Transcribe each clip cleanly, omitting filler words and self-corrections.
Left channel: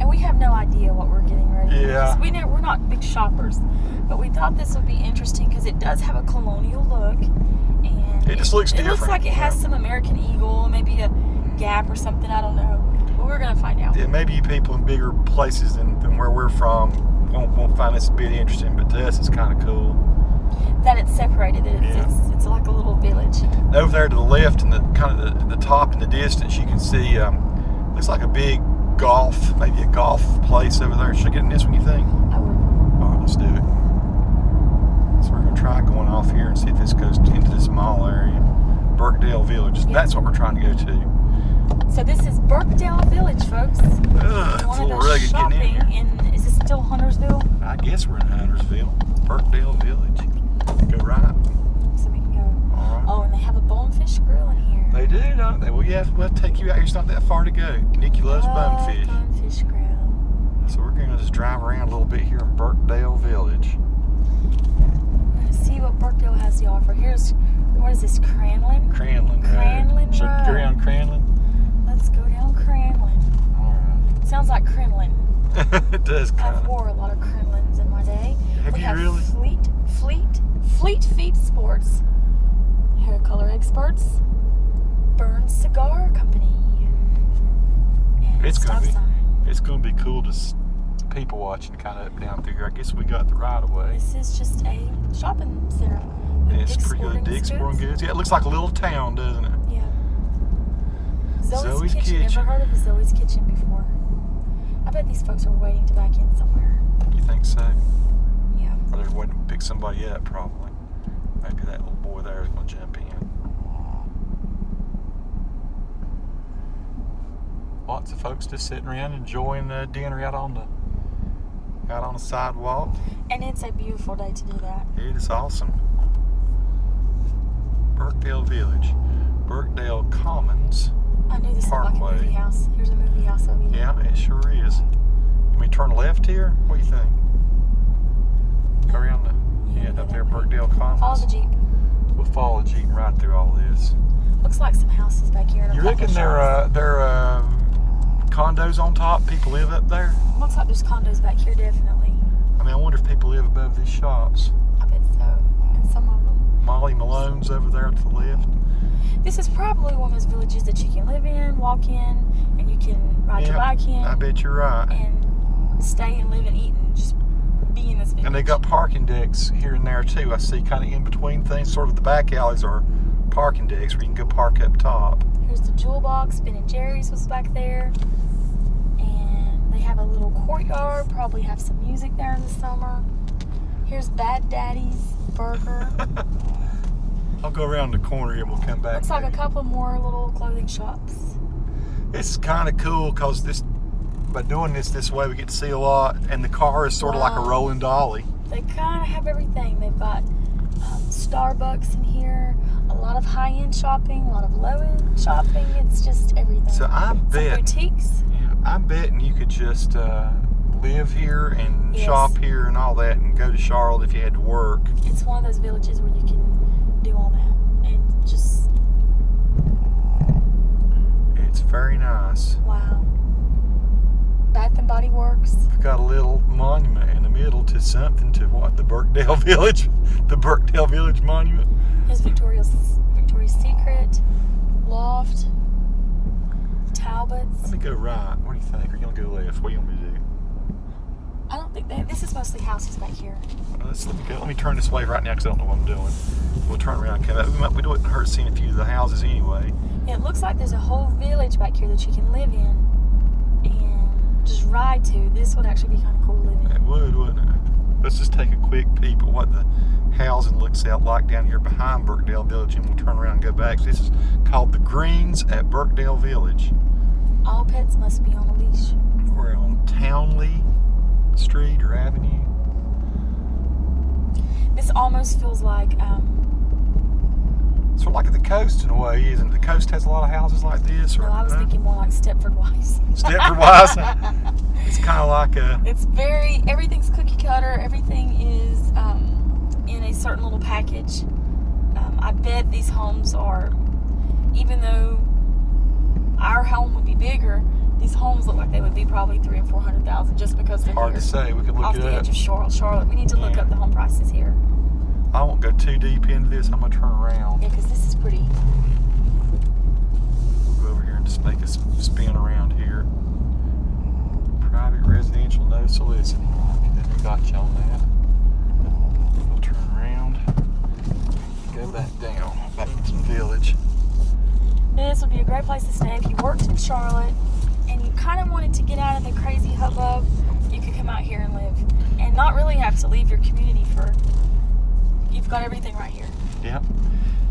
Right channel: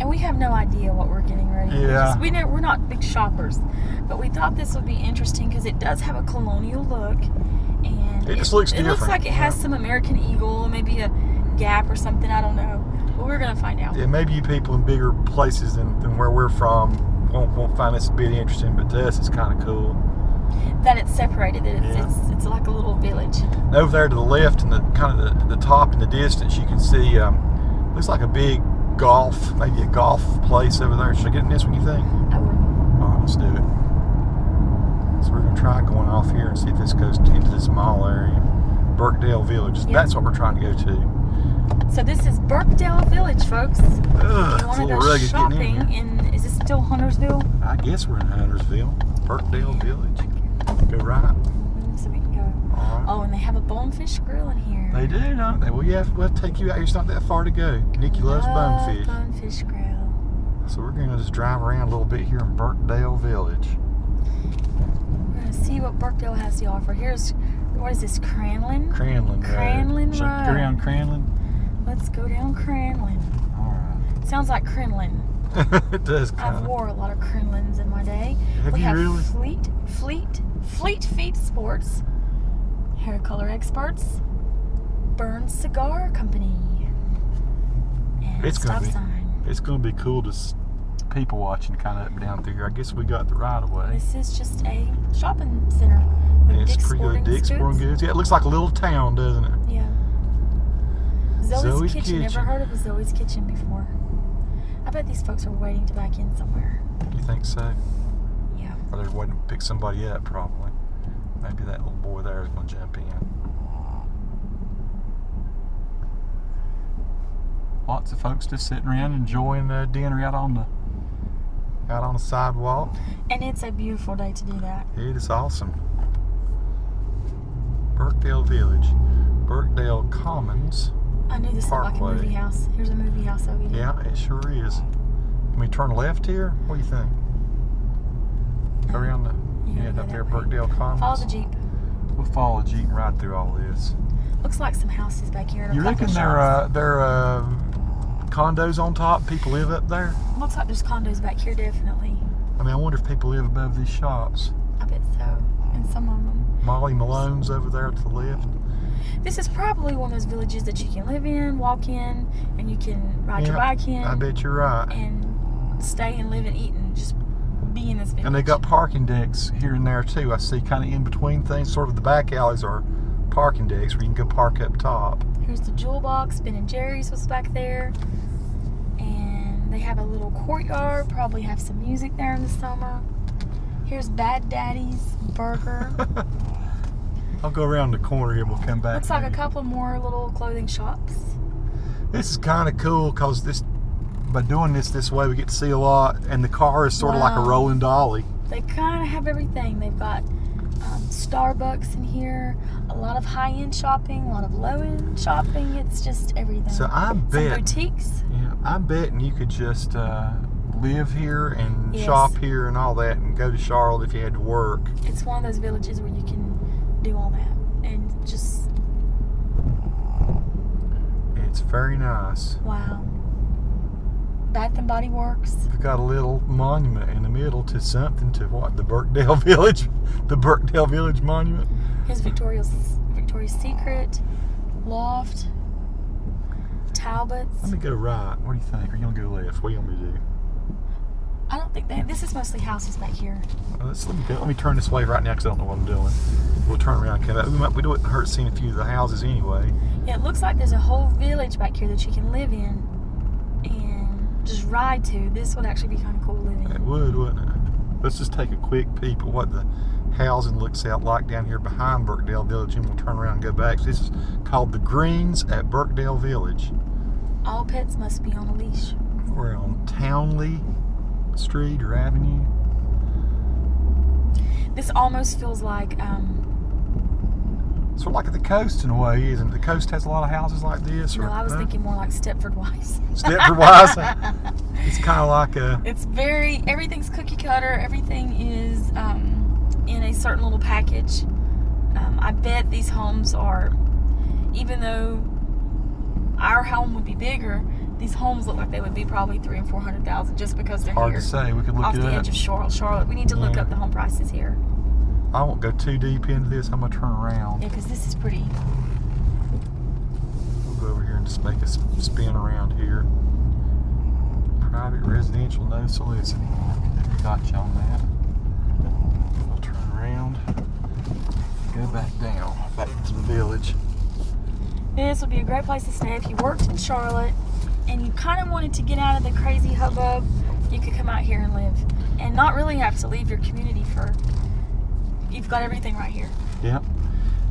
And we have no idea what we're getting ready. Yeah. We're not big shoppers. But we thought this would be interesting because it does have a colonial look. And it just looks different. It looks like it has some American Eagle, maybe a Gap or something. I don't know. But we're going to find out. Yeah, maybe you people in bigger places than where we're from won't find this a bit interesting, but to us it's kind of cool. That it's separated. It's like a little village. Over there to the left and the top in the distance, you can see looks like a big maybe a golf place over there. Should I get in this one, you think? I would. All right, let's do it. So we're going to try going off here and see if this goes into this mall area. Birkdale Village. Yep. That's what we're trying to go to. So this is Birkdale Village, folks. Ugh, it's a little rugged shopping getting in here. Is this still Huntersville? I guess we're in Huntersville. Birkdale Village. Go right. So we can go. All right. Oh, and they have a bonefish grill in here. They do, don't they? Well, we'll take you out here. It's not that far to go. Nikki loves bonefish. Bonefish grill. So we're going to just drive around a little bit here in Birkdale Village. We're going to see what Birkdale has to offer. What is this, Cranlin? Cranlin Road. Cranlin Should Road. we go around Cranlin? Let's go down Cranlin. All right. Sounds like Crinlin. It does kind I've of. wore a lot of Crinlins in my day. Have you really? Fleet Feet Sports, Hair Color Experts, Burns Cigar Company, and It's stop gonna be. sign. It's going to be cool to people watching kind of up and down through here. I guess we got the right of way. This is just a shopping center. With It's Dick's pretty good. Sporting Dick's Goods. Sporting Goods. Yeah, it looks like a little town, doesn't it? Yeah. Zoe's Kitchen. Never heard of a Zoe's Kitchen before. I bet these folks are waiting to back in somewhere. You think so? Yeah. Or they're waiting to pick somebody up, probably. Maybe that little boy there is going to jump in. Lots of folks just sitting around enjoying dinner out on the sidewalk. And it's a beautiful day to do that. It is awesome. Birkdale Village, Birkdale Commons. I knew this looked like a Parkway. movie house. Here's a movie house over here. Yeah, it sure is. Can we turn left here? What do you think? Go around go up that there, way. Birkdale Commons. Follow the Jeep. We'll follow the Jeep right through all this. Looks like some houses back here. And You a couple reckon shops. they're condos on top? People live up there? Looks like there's condos back here, definitely. I mean, I wonder if people live above these shops. I bet so. And some of them. Molly Malone's over there to the left. This is probably one of those villages that you can live in, walk in, and you can ride your bike in. I bet you're right. And stay and live and eat and just be in this village. And they got parking decks here and there too. I see kind of in between things, sort of the back alleys are parking decks where you can go park up top. Here's the Jewel Box. Ben and Jerry's was back there. And they have a little courtyard. Probably have some music there in the summer. Here's Bad Daddy's Burger. I'll go around the corner here and we'll come back. Looks like a couple more little clothing shops. This is kind of cool because by doing this way we get to see a lot, and the car is sort of like a rolling dolly. They kind of have everything. They've got Starbucks in here, a lot of high-end shopping, a lot of low-end shopping. It's just everything. So I bet, some boutiques. yeah, I'm betting you could just live here and Yes. shop here and all that, and go to Charlotte if you had to work. It's one of those villages where you can do all that and just It's very nice. wow. Bath and Body Works. We've got a little monument in the middle to something, to what, the Birkdale Village, the Birkdale Village Monument. Here's Victoria's Secret, Loft, Talbot's. Let me go right. What do you think? Are you gonna go left? What do you want me to do? I don't think this is mostly houses back here. Let me turn this way right now because I don't know what I'm doing. We'll turn around and come back. We wouldn't hurt seeing a few of the houses anyway. Yeah, it looks like there's a whole village back here that you can live in and just ride to. This would actually be kind of cool living It in. would, wouldn't it? Let's just take a quick peek at what the housing looks out like down here behind Birkdale Village, and we'll turn around and go back. This is called the Greens at Birkdale Village. All pets must be on a leash. We're on Townley Street or Avenue. This almost feels like Sort of like at the coast in a way, isn't it? The coast has a lot of houses like this. no, I was thinking more like Stepford Wives. Stepford Wives. It's kind of like a. It's everything's cookie cutter. Everything is in a certain little package. I bet these homes are, even though our home would be bigger, these homes look like they would be probably $300,000 and $400,000 just because they're Hard here. to say. We could look off it the up. edge of Charlotte. We need to look Yeah. up the home prices here. I won't go too deep into this. I'm gonna turn around. Yeah, because this is pretty. We'll go over here and just make a spin around here. Private residential, no solicit. We got you on that. We'll turn around. Go back down, back to the village. This would be a great place to stay if you worked in Charlotte and you kind of wanted to get out of the crazy hubbub. You could come out here and live and not really have to leave your community for. You've got everything right here. Yep.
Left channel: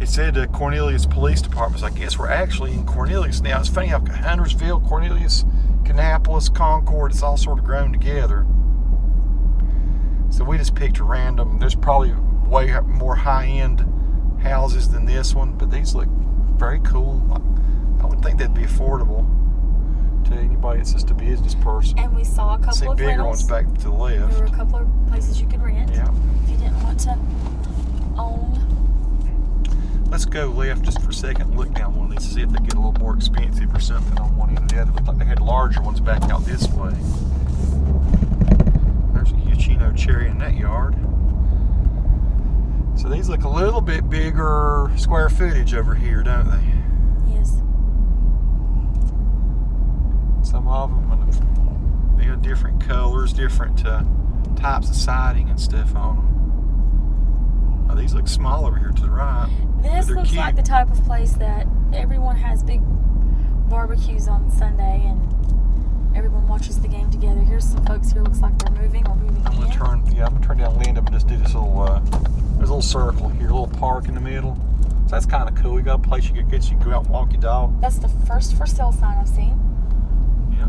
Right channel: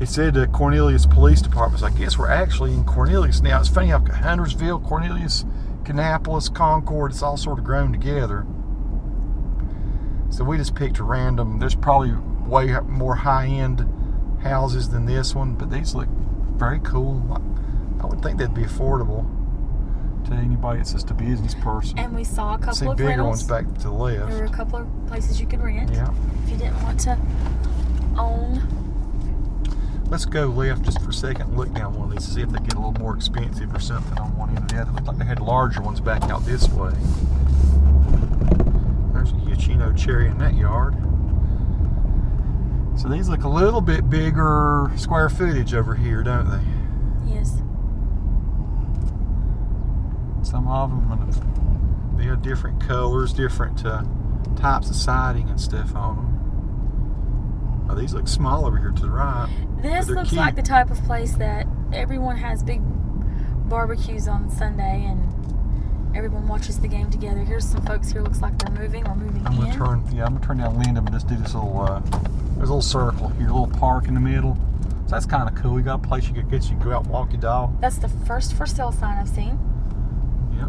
It said Cornelius Police Department. So I guess we're actually in Cornelius now. It's funny how Huntersville, Cornelius, Kannapolis, Concord, it's all sort of grown together. So we just picked a random. There's probably way more high-end houses than this one, but these look very cool. I would think that'd be affordable to anybody that's just a business person. And we saw a couple of bigger rentals. ones back to the left. There were a couple of places you could rent Yeah. if you didn't want to own. Let's go left just for a second and look down one of these to see if they get a little more expensive or something on one end or the other. Looked like they had larger ones back out this way. There's a Huchino cherry in that yard. So these look a little bit bigger square footage over here, don't they? Yes. Some of them, they have different colors, different types of siding and stuff on them. Oh, these look small over here to the right. This They're looks cute. like the type of place that everyone has big barbecues on Sunday and everyone watches the game together. Here's some folks here. Looks like they're moving or moving I'm gonna in. turn down Lindham and just do this little. There's a little circle here, a little park in the middle. So that's kind of cool. We got a place you could get. You can go out and walk your dog. That's the first for sale sign I've seen. Yep.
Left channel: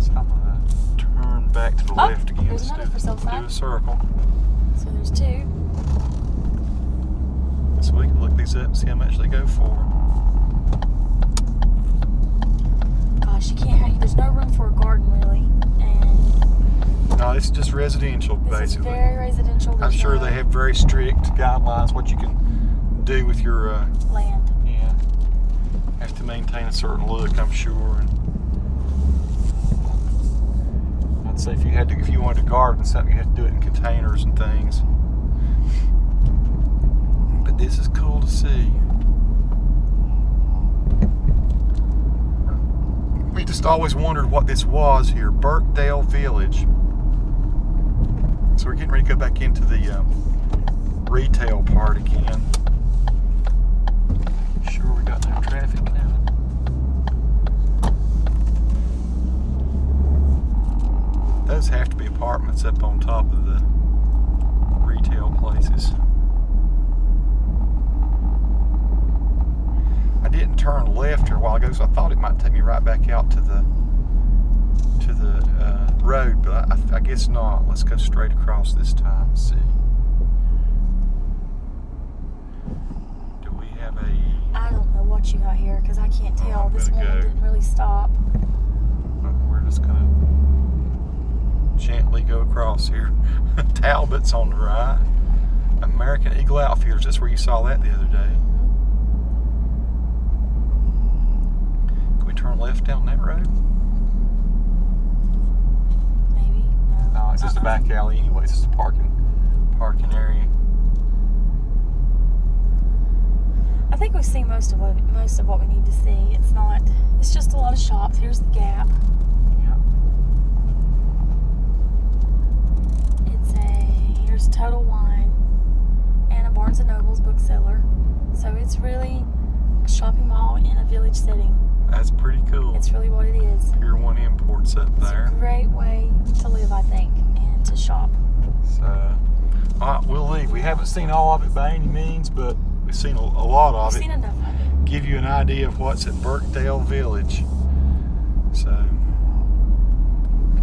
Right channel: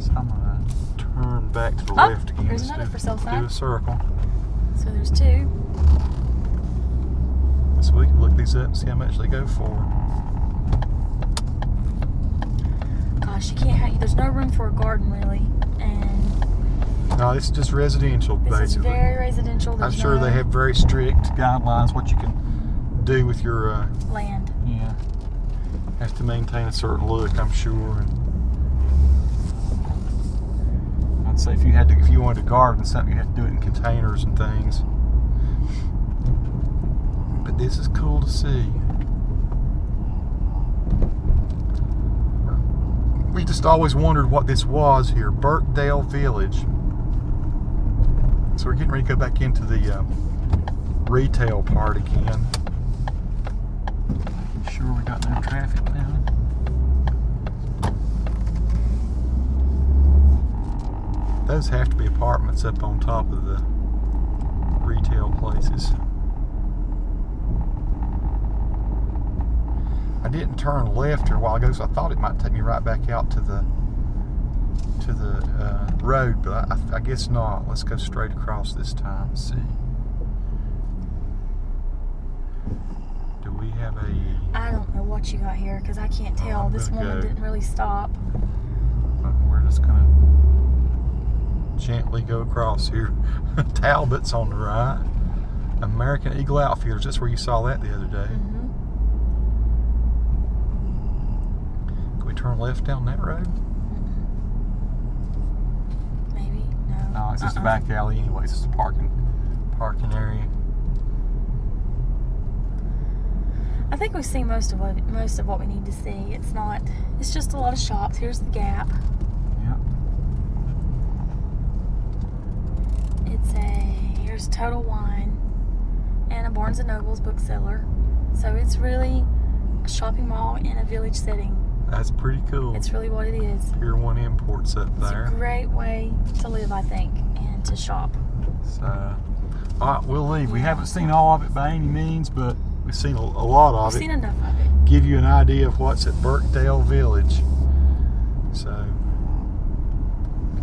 So I'm gonna turn back to the left again. There's Just another for sale sign. Do a circle. So there's two. So we can look these up and see how much they go for. Gosh, you can't have. There's no room for a garden really, and No, it's just residential, this is basically. very residential. I'm There's sure no they have very strict guidelines what you can do with your. land. Yeah. Have to maintain a certain look, I'm sure. And I'd say if you wanted to garden something, you had to do it in containers and things. But this is cool to see. We just always wondered what this was here, Birkdale Village. So we're getting ready to go back into the retail part again. Sure we got no traffic now. Those have to be apartments up on top of the retail places. I didn't turn left here a while ago, so I thought it might take me right back out to the road, but I guess not. Let's go straight across this time and see. Do we have a... I don't know what you got here because I can't tell. I'm This gonna woman go. didn't really stop. We're just gonna gently go across here. Talbot's on the right. American Eagle Outfitters. That's where you saw that the other day. Can we turn left down that road? Maybe no. No, it's just a back alley anyway. It's just a parking area. I think we've seen most of what we need to see. It's just a lot of shops. Here's the Gap. Yeah. Here's Total Wine and a Barnes & Noble's bookseller. So it's really a shopping mall in a village setting. That's pretty cool. It's really what it is. Pier 1 Imports up It's there. a great way to live, I think, and to shop. So, all right, we'll leave. We haven't seen all of it by any means, but we've seen a lot of We've it. seen enough of it. Give you an idea of what's at Birkdale Village. So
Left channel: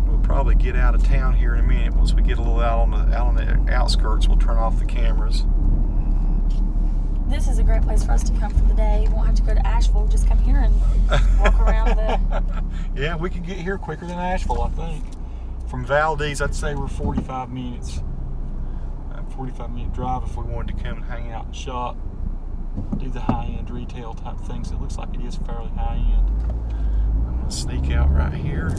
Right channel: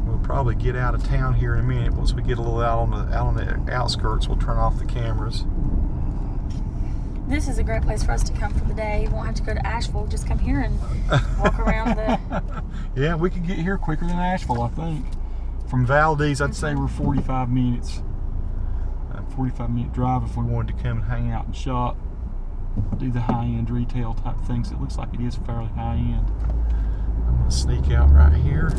we'll probably get out of town here in a minute. Once we get a little out on the outskirts, we'll turn off the cameras. This is a great place for us to come for the day. We won't have to go to Asheville. Just come here and walk around the... Yeah, we can get here quicker than Asheville, I think. From Valdez, I'd say we're 45 minutes. A 45-minute drive if we wanted to come and hang out and shop. do the high-end retail type things. It looks like it is fairly high-end. I'm going to sneak out right here.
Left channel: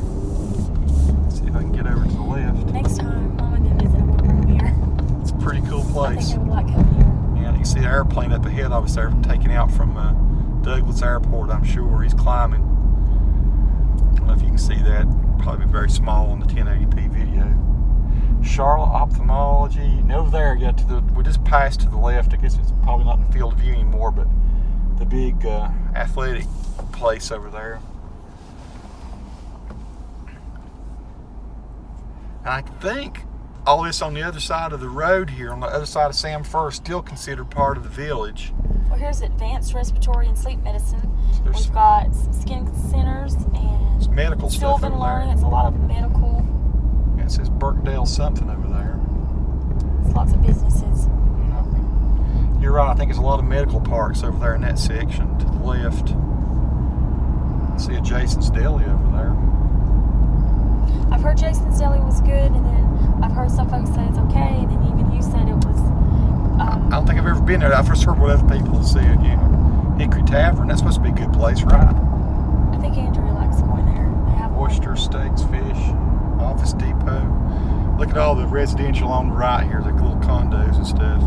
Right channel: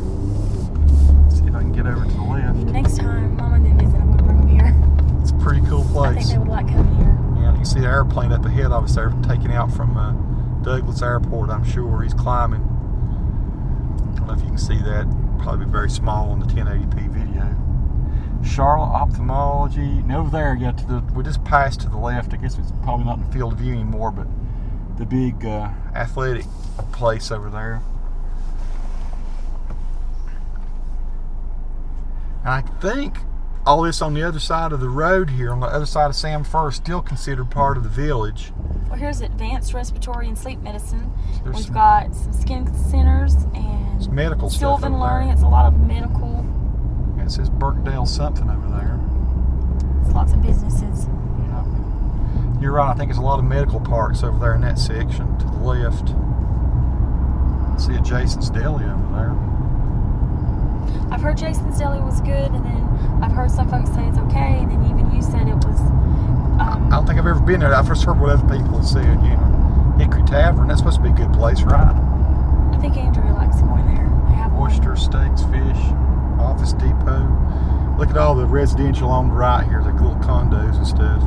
See if I can get over to the left. Next time Mom and them visit, I'm going to bring them here. It's a pretty cool I place. think they would like coming here. Yeah, you can see the airplane up ahead of us there, taking out from Douglas Airport, I'm sure. He's climbing. I don't know if you can see that. Probably very small on the 1080p video. Charlotte Ophthalmology. And over there, we just passed to the left. I guess it's probably not in the field of view anymore, but the big athletic place over there. And I think all this on the other side of the road here, on the other side of Sam First, still considered part of the village. Well, here's advanced respiratory and sleep medicine. So We've got some skin centers and medical stuff Sylvan over Learning. there. It's a lot of medical. Yeah, it says Birkdale something over there. It's lots of businesses. You're right, I think there's a lot of medical parks over there in that section to the left. See a Jason's Deli over there. I've heard Jason's Deli was good, and then I've heard some folks say it's okay, and then even you said it was. I don't think I've ever been there. I've just heard what other people have said. Yeah, Hickory Tavern. That's supposed to be a good place, right? I think Andrew likes going there. They have Oyster, steaks, fish, Office Depot. Look at all the residential on the right here, the little condos and stuff.